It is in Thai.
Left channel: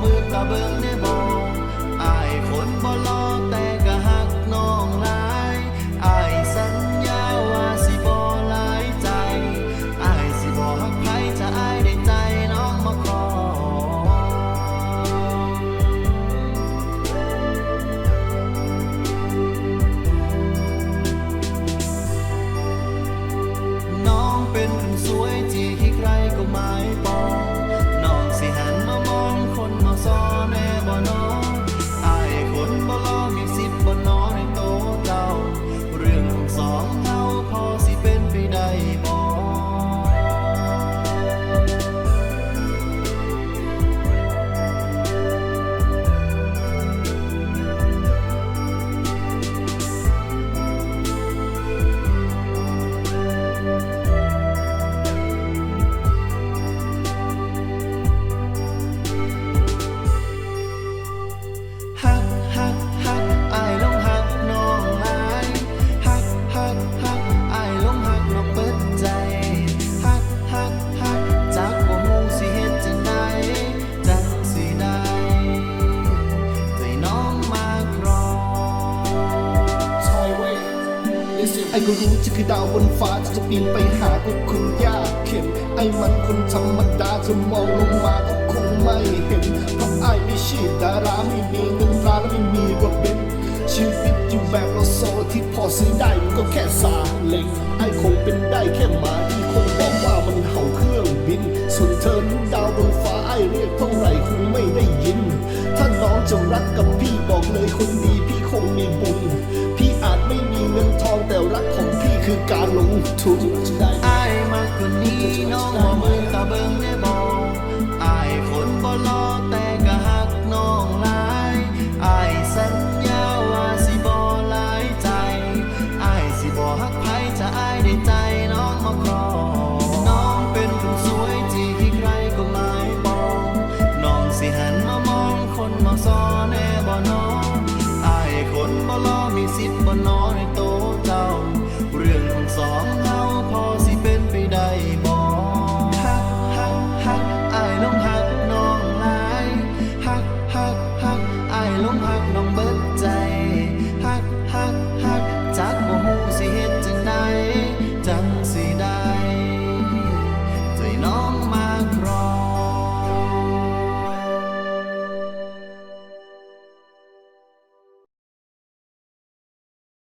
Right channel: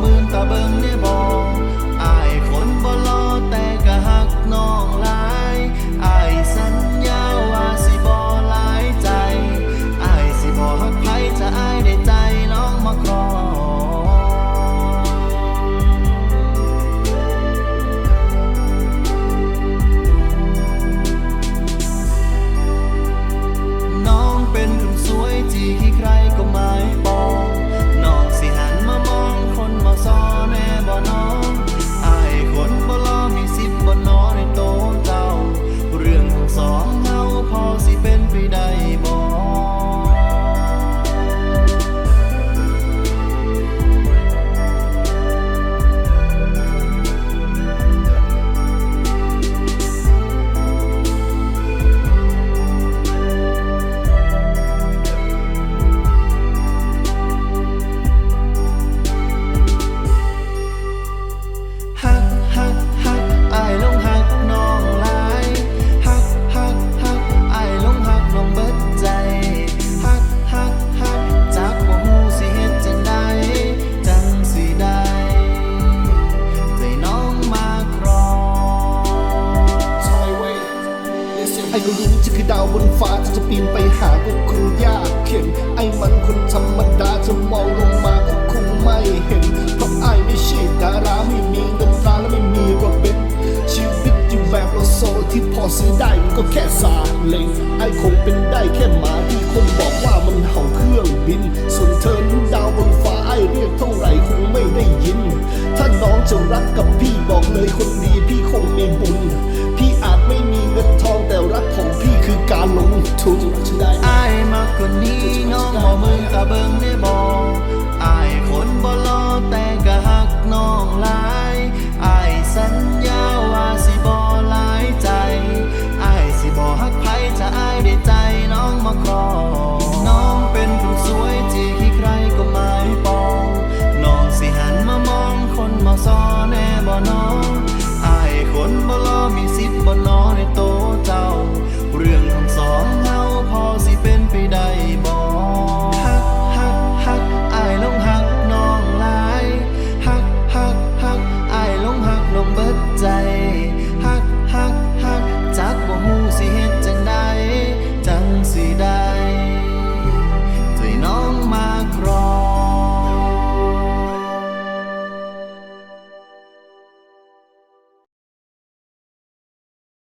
หมื่นตาเบิงได้บ่อายคนบ่รอแต่ก็หักน้องหลายอายสัญญาว่าสิบ่หลายใจอายสิบ่ฮักไผจะอายได้ใจน้องมาครองน้องเป็นคนสวยที่ใครก็หมายปอง สิหันมามองคนมาซ้อแน่บ่น้องอายคนบ่รอมีสิบบ่นอในโตะเจ้า เรื่องทั้งสองเฮาพอสิเป็นไปได้บ่ ไอ้ก็รู้จะคือดาวบนฟ้าถ้าจะปีนไปหาก็คงยากเข็มไอ้มันคนธรรมดาจะมองลงมาก็คงไม่เห็น เพราะไอ้ไม่ใช่ดาราไม่มีเงินตราและไม่มีรถเบนซ์ชีวิตอยู่แบบโลโซที่พอซื้อได้มันก็แค่ซาเล็ง ไอ้คงเป็นได้แค่หมาที่คนบอกว่ามันเห่าเครื่องบิน ส่วนเธอนั้นดาวบนฟ้าไอ้เรียกเท่าไหร่คงไม่ได้ยิน ถ้าน้องจะรักกับพี่บอกเลยคนดีพี่คงมีบุญพี่ คือการลงทุนจะได้ไหมอายมากกว่านี้น้องบ่มึงตาเบิ่งได้บ่อายคนบ่รอแต่ก็หักน้องหลายอายสัญญาว่าสิบ่หลายใจอายสิบ่ฮักไผจะอายได้ใจน้องมาครองน้องเป็นคนสวยที่ใครก็หมายปองน้องสิหันมามองคนมาซ้อแน่บ่น้องอายคนบ่รอมีสิทธิ์บ่นอในโตะเจ้า เรื่องของสองเฮาพอสิเป็นไปได้บ่ฮักฮักฮักอายลงฮักน้องหลายฮักฮักฮักอายลงฮักน้องเบิดใจฮักฮักฮักจักบ่ฮู้สิเฮ็ดจังใดจัง